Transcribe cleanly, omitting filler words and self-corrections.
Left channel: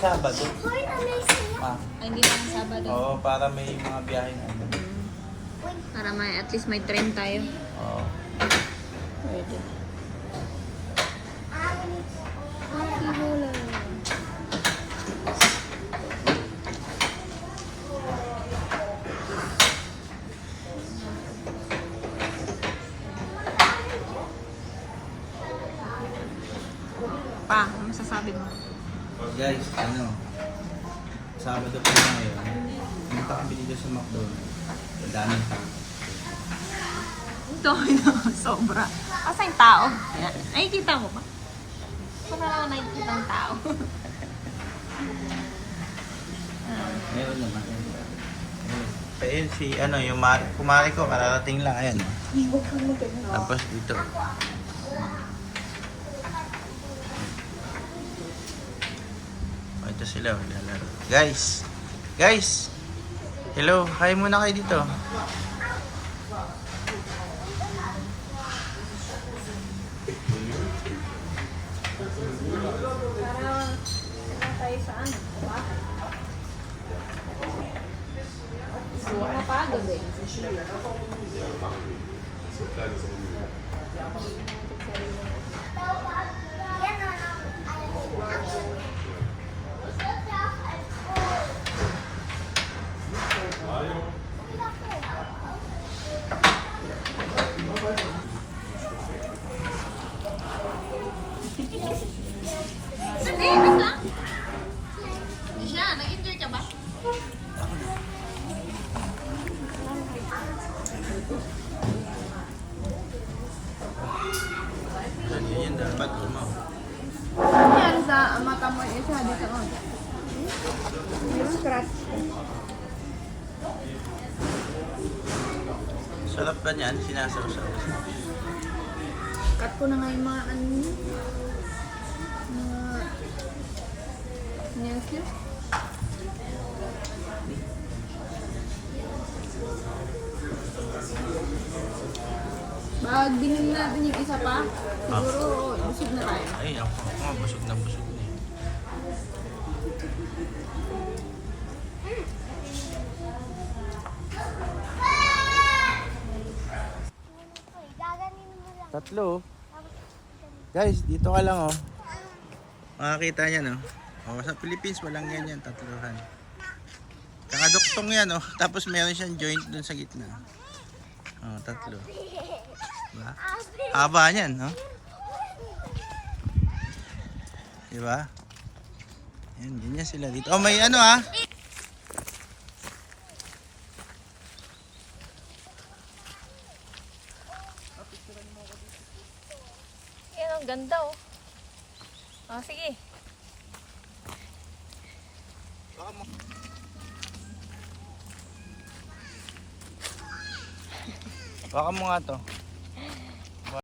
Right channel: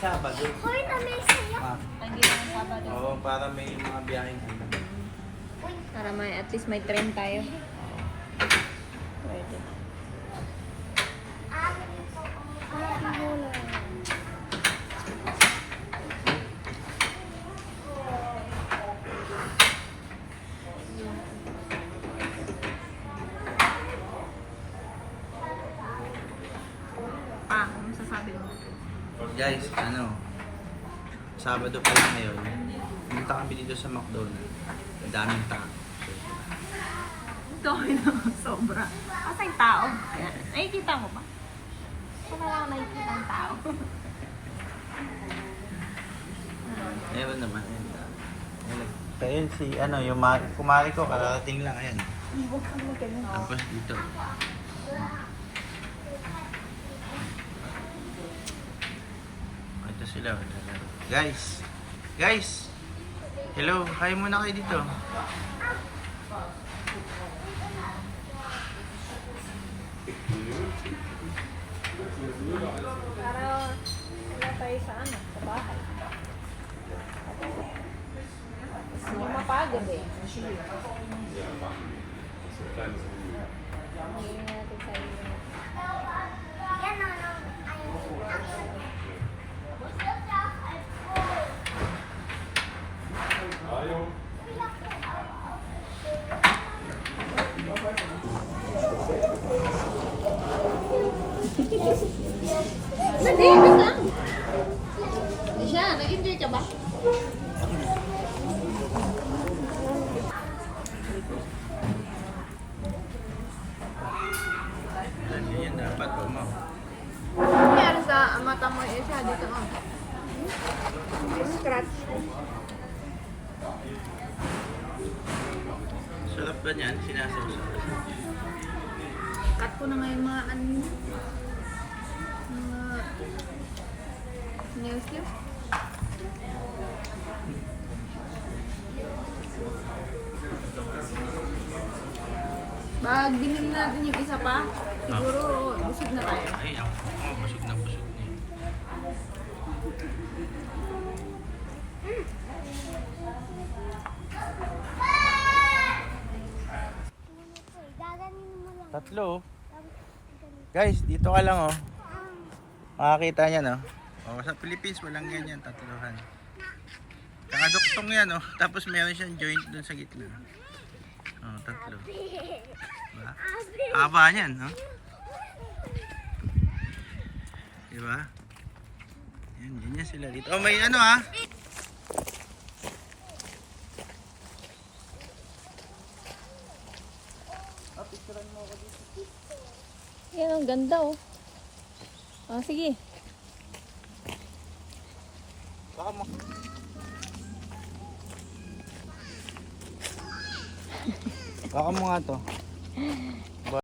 Sabado. Hoy, nanay sila. Ay, hindi lang Sabado. Oo, para may mga biyaheng ano. Para may, at least may train tayo. Oo. Pwede. Akin ito. Happy Hula. Pa, ano masasabi mo? Guys, ano, Sabado pa lang ngayon. Pumunta kami dito sa McDonald's. Ang daming tao. Ito, sobra. Asa yung tao? Ayan. Nakikita mo ba? Wala lang ako nakikita ng tao. Ngayon naman. Ayun si, ano, yung kumari ko, kararating lang. Ayan. Tapos dito. Ito sila, lalaro. Guys! Guys! Hello, hi muna kayo dito. Hindi, wait lang. Siya, nag-enjoy ka ba? Yan dapat, umaw. Ano sa mata mo eh, siya dito. Yung scratch. Sarap ka niyan, sinasawsaw. Cut ko na nga yung mga ano. Mga nail clip. Pag binili natin yung isa pa, siguro busog na tayo. Ay, ako, busog na busog. Tatlo. Guys, dito ka lang oh. Makakita niya no. Oh, sa Philippines walang ganyan, tatluhan. Kakaduktong yan oh. Tapos meron siyang joint dun sa gitna. Oh, tatlo. Diba? Haba niyan, no? Diba? Yan, ganyan sila dito. Oh, may ano ah. Yan, ang ganda oh. Ah, sige. Baka mo. Baka mo nga to.